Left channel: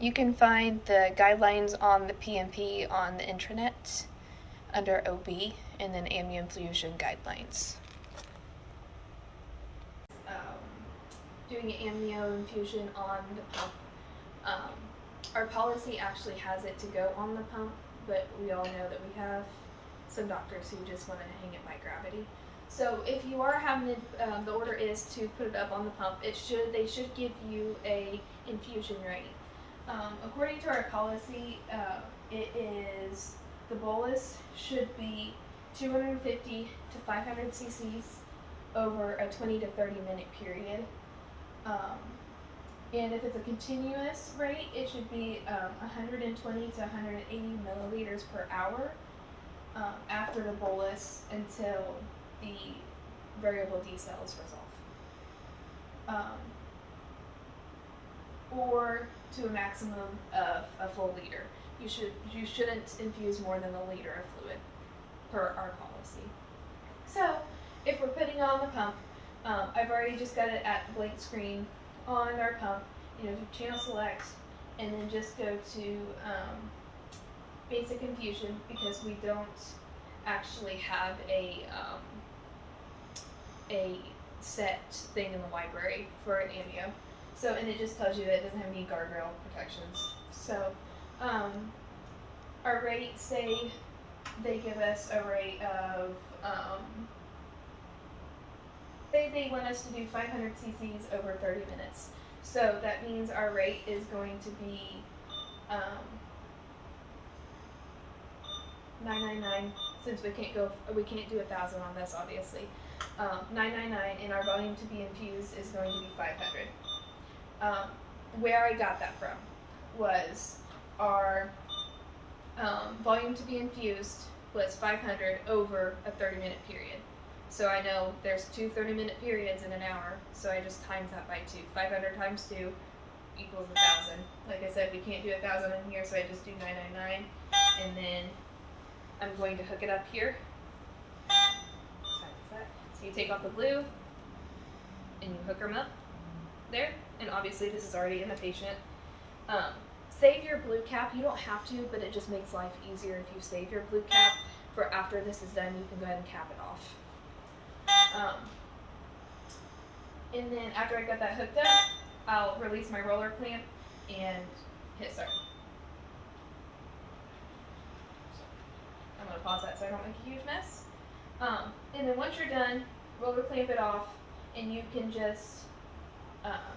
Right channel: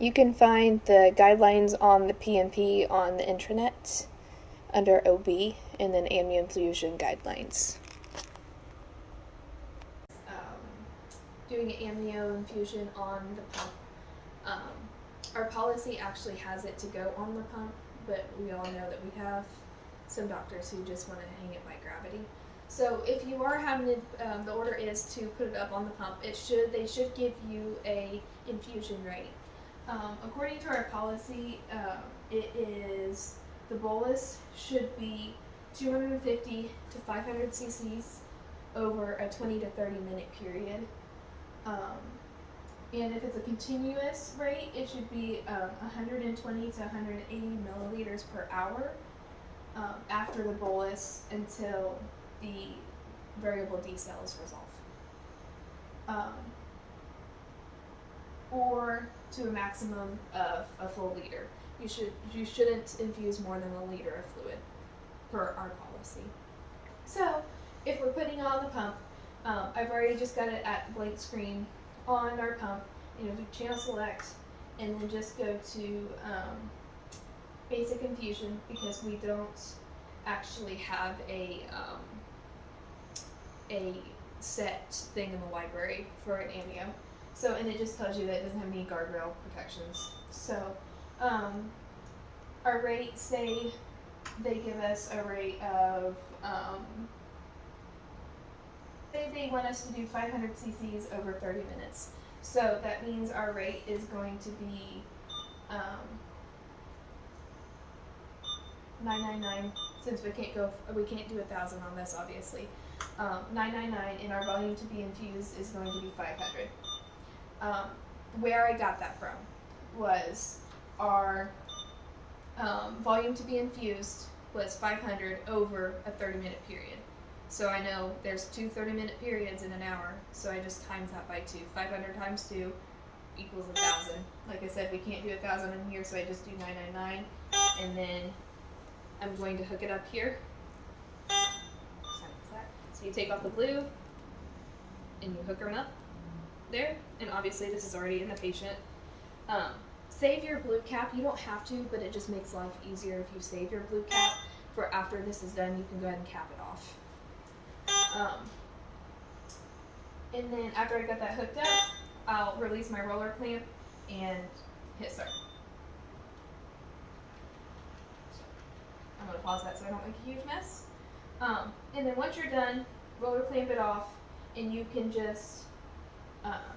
You can find the guidelines on the PMP on the intranet under OB and then amnioinfusion guidelines. Doing an amnioinfusion on the pump. Our policy actually has it to go on the pump, but we all know that we have some doctors who just want to hang it by gravity. So if you are having it, the order is to put it up on the pump. They should give you a infusion rate. According to our policy, it is the bolus should be 250 to 500 cc's over a 20 to 30 minute period. And if it's a continuous rate, it should be 120 to 180 milliliters per hour after the bolus until the variable D cell is resolved. Or to a maximum of a full liter. You shouldn't infuse more than a liter of fluid per our policy. So if we're putting it on the pump, I've already just got it at blank screen on our pump. Do channel select and then just go to basic infusion because we don't actually have a set thing in the library for an amnio. So, and it just tells you that it doesn't have any guardrail protections. So, our rate, say they give us a rate of, say they want us to do 500 cc's over 30 minutes. So that means our rate is going to be 999. Since we can't do 1,000 on this, obviously. 999, and our volume to be infused is going to be 500. Where I got that from was our volume to be infused was 500 over a 30-minute period. So I know there's 2 30-minute periods in an hour, so I just times that by 2. 500 times 2 equals 1,000. Like I said, we can't do 1,000 in here, so I just do 999, and then I'm going to hook it up here. So you take off the blue, and you hook them up there, and obviously this is already in the patient. Save your blue cap. You don't have to, but it just makes life easier if you save your blue cap for after this is done. You can go ahead and cap it off. And then after I got that hooked up, I'll release my roller clamp and hit start. I'm going to pause that so I don't make a huge mess. And then once you're done, roller clamp it off, and you can just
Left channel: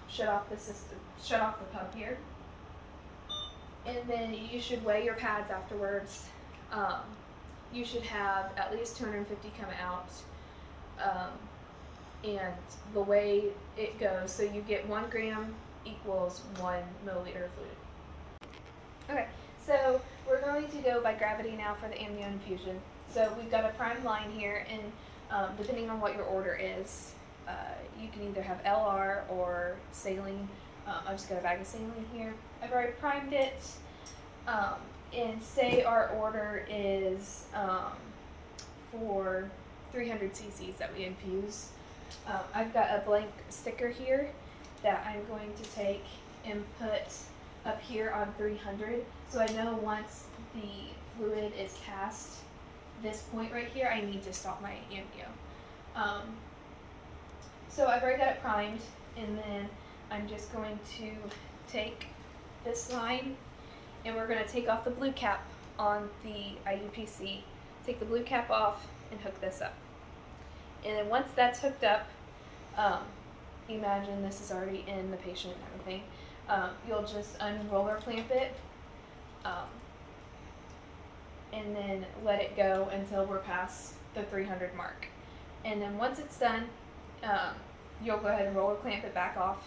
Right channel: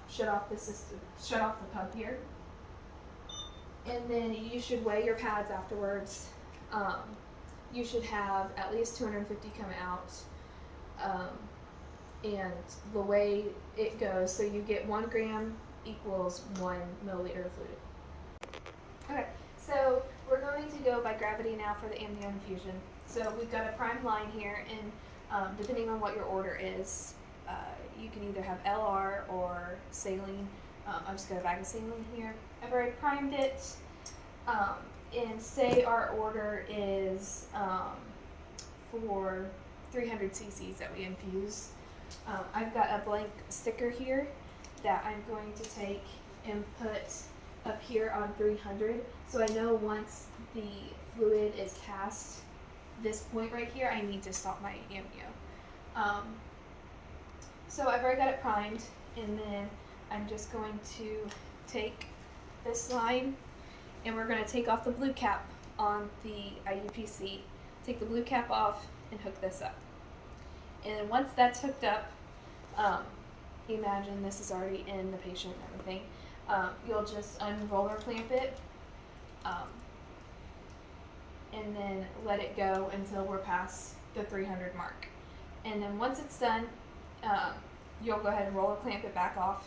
shut off the pump here. And then you should weigh your pads afterwards. You should have at least 250 come out. And the way it goes, so you get 1 gram equals 1 milliliter of fluid. Okay, so we're going to go by gravity now for the amnioinfusion. So we've got a prime line here, and depending on what your order is, you can either have LR or saline. I've just got a bag of saline here. I've already primed it, and say our order is for 300 cc's that we infuse. I've got a blank sticker here that I'm going to take and put up here on 300. So I know once the fluid is past this point right here, I need to stop my amnio. So I've already got it primed, and then I'm just going to take this line, and we're going to take off the blue cap on the IUPC, take the blue cap off, and hook this up. And then once that's hooked up, imagine this is already in the patient and everything, you'll just unroller clamp it, and then let it go until we're past the 300 mark. And then once it's done, you'll go ahead and roller clamp it back off,